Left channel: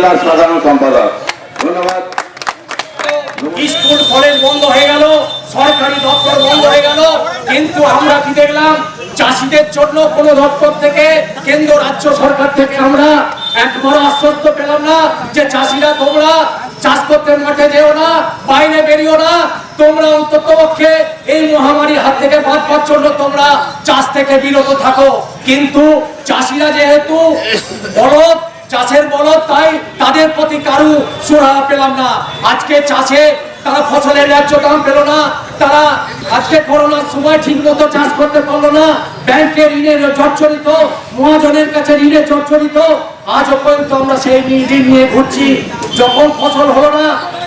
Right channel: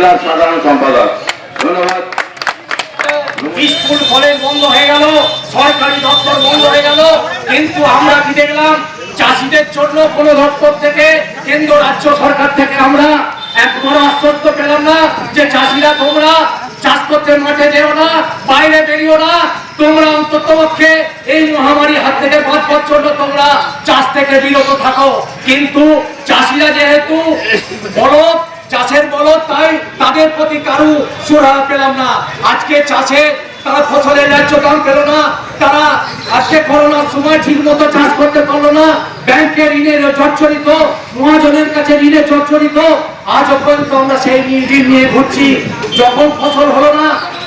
সাধারণ সম্পাদক। ধন্যবাদ। স্কুল কলেজ বন্ধ হয়ে গেল, সরকারি দপ্তর বন্ধ হয়ে গেল, কিন্তু আমরা কি দেখলাম? চাষিদের জন্য কোন দপ্তর থেকে, কেন্দ্র রাজ্য সরকার থেকে আমরা একবারও আশ্বস্ত পেলাম না যে চাষিরা তোমরা চাষ করতে মাঠে যেও না, বাইরে বেরিও না, তোমরা অন্তত পক্ষে এই মহামারীর হাত থেকে বাঁচবার জন্য তোমরা চাষ থেকে বিরত থাকো। কিন্তু চাষিরা যেহেতু বলদ, চাষের বলদ, তাই তাদের প্রতি কারু সুরাহা পেলাম না। আজকে চাষে তারা ফসলের ন্যায্য দাম পেল না, তারা আজকে করোনার সময় ঠিক মতো চাষ করতে পারলো না, ব্যাংকে ঋণের জর্জরিত, মহাজনের কাছে ঋণে জর্জরিত, আজ পর্যন্ত আমরা সেই ঋণ নিয়ে ঘুরছি। যখন ফসল হলো না,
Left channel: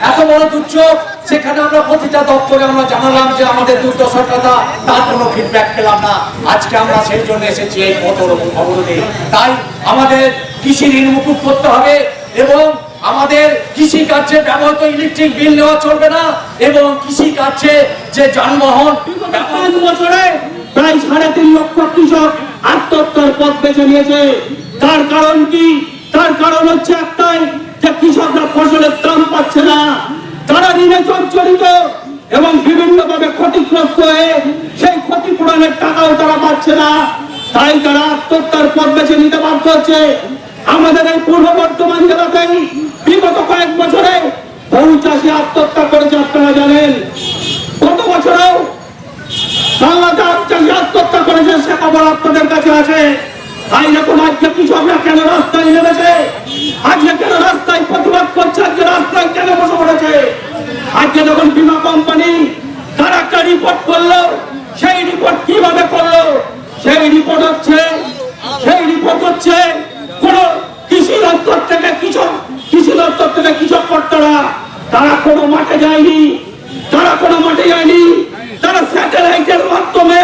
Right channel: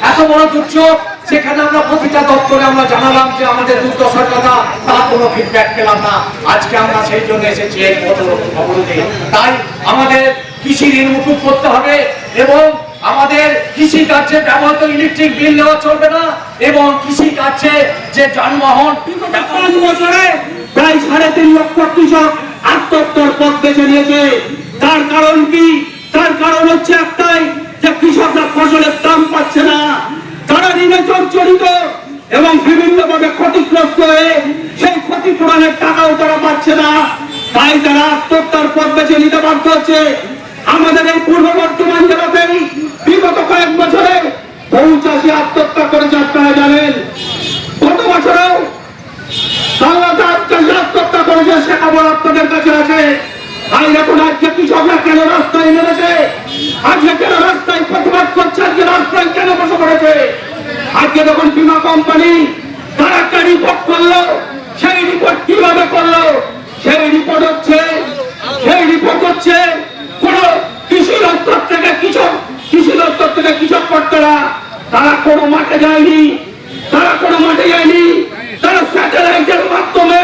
এত বড় দুর্যোগ, সেখানে আমরা প্রতিটা দপ্তরে আমরা জানালাম যে আমাদের দুর্দশার কথা, তার কোনো ফিডব্যাক পেলাম না। আজকে আমরা সেই জন্য এসেছি এই অবরোধে। তাই আমাদের কৃষি ঋণ মুকুব করতে হবে এবং আমাদের কৃষি কার্যে ব্যবহৃত ইলেকট্রিক বিল নেওয়া চলবে না এবং কৃষি কার্যে যে যানবাহন 5 বছরে প্রায় 3.5 লক্ষ কৃষক আত্মহত্যার পথ বেছে নিয়েছে। তার কারণ কি? তার কারণ হচ্ছে একটাই, যে কৃষকরা ফসলের দাম পাচ্ছে না, তারা ঋণে জর্জরিত এবং বিভিন্নভাবে ক্ষতিগ্রস্ত হয়ে সেই ক্ষতিপূরণের টাকাও তারা পাচ্ছে না, তাই তারা আত্মহত্যার পথ বেছে নিতে বাধ্য হচ্ছে। আমাদের এই পূর্ব বর্ধমান জেলাতেই বিগত কয়েক বছরে বহু চাষি আত্মহত্যা করেছে, আপনারা জানেন। গত বছরেও বাংলা চাষি আত্মহত্যা করেছে, সে খবর আপনাদের কাছে আছে। তাই দেখুন আজকে কৃষকরা কেন রাস্তায় নেমেছে, আজকে কেন রাস্তায় প্রতিবাদ করছে, আজকে রাস্তায় কেন বসে পড়েছে। আজকে যখন বীমা কোম্পানি তারা একটা রিপোর্ট করলো, সেই রিপোর্ট কিভাবে করলো? সেই রিপোর্ট হচ্ছে কোন কৃষি দপ্তর থেকে কৃষক কর্তারা তারা কোনো মাঠে যায়নি, তারা স্যাটেলাইটের মাধ্যমে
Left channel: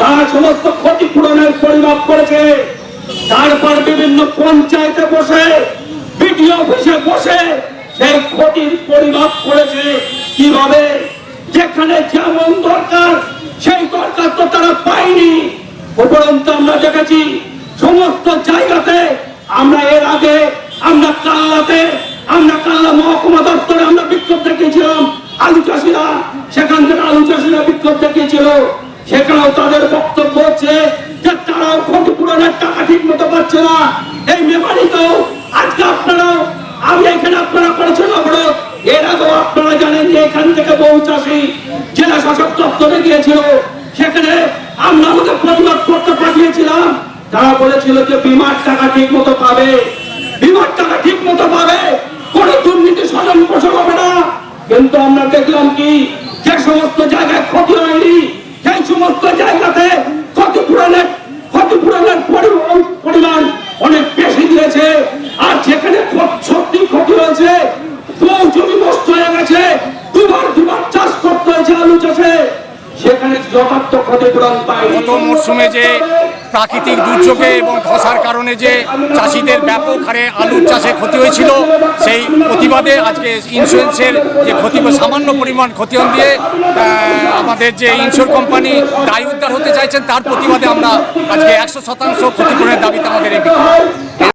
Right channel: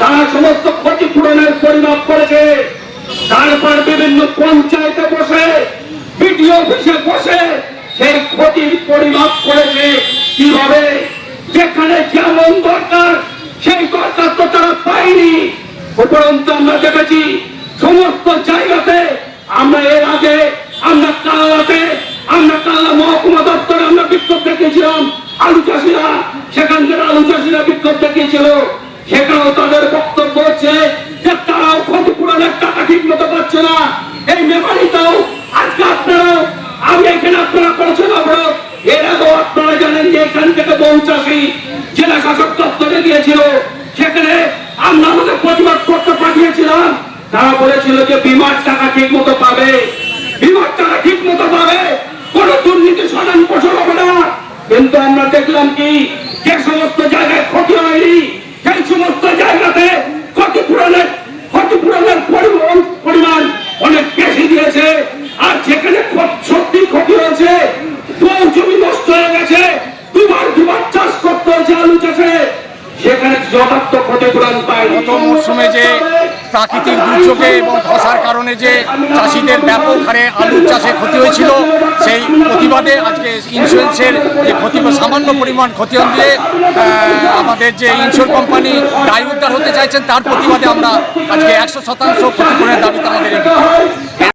তারা সমস্ত ক্ষতিপূরণের পরিমাপ করেছে। তারপর বিভিন্ন পঞ্চায়েতে বসে, বিডিও অফিসে বসে সেই ক্ষতির পরিমাপ করেছে। কিভাবে? যেখানে যেমন দরকার সেই দরকার তো তারা পায়নি। উপরন্তু আমরা দেখেছি সমস্ত জায়গাতে, আমরা এর আগে আমরা কাল্লা মহকুমা দপ্তরে আমরা বিক্ষোভ দেখিয়েছিলাম, আলু চাষিরা, সেখান থেকে আলু চাষিরা বিক্ষোভ দেখিয়েছিল। সেখানেও তাদের বক্তব্য হচ্ছে যে তারাও ক্ষতিপূরণের টাকা ঠিক মতো পাচ্ছে না। এই মেমারিতেও আজকে আপনারা করেছেন অবরোধ। এর আগেও আপনারা জানেন যে এখান থেকে বহু চাষি জেলা শাসক দপ্তরে গিয়েছিল, সেখানে আমরা আমাদের প্রতিবাদ করতে পাঠিয়েছিলাম। তারা বলেছিল যে বিমার টাকা ঠিক মতো পাবে, কোন দুর্নীতি স্বজন পোষণ হবে না। কিন্তু আমরা দেখলাম কি, যে সমস্ত জায়গায় ক্ষতি হয়নি সেই সমস্ত জায়গাতে ক্ষতিপূরণের পরিমাণ অনেক বেশি দিয়েছে। আর যেখানে সত্যি ক্ষতি হয়েছে, বহু জমি নষ্ট হয়ে গেছে, দুবার চাষ করতে হয়েছে আলু চাষে, সেখানে যথার্থ ক্ষতিপূরণ পায়। গত মরশুমে যে প্রাকৃতিক দুর্যোগে এবং ধসার কারণে যে চাষিদের ব্যাপক হারে আলুর চাষে ক্ষতি হয়েছিল, সেই প্রতিবাদে আজকে ইন্স্যুরেন্সের যে সামান্য পরিমাণ ক্ষতিপূরণ দিয়ে আমাদের যে ইন্স্যুর কোম্পানি দায় উদ্ধার হতে চাইছেন, তার প্রতিবাদে আমরা আজকে 100% ক্ষতিপূরণের দাবিতে আমাদের এই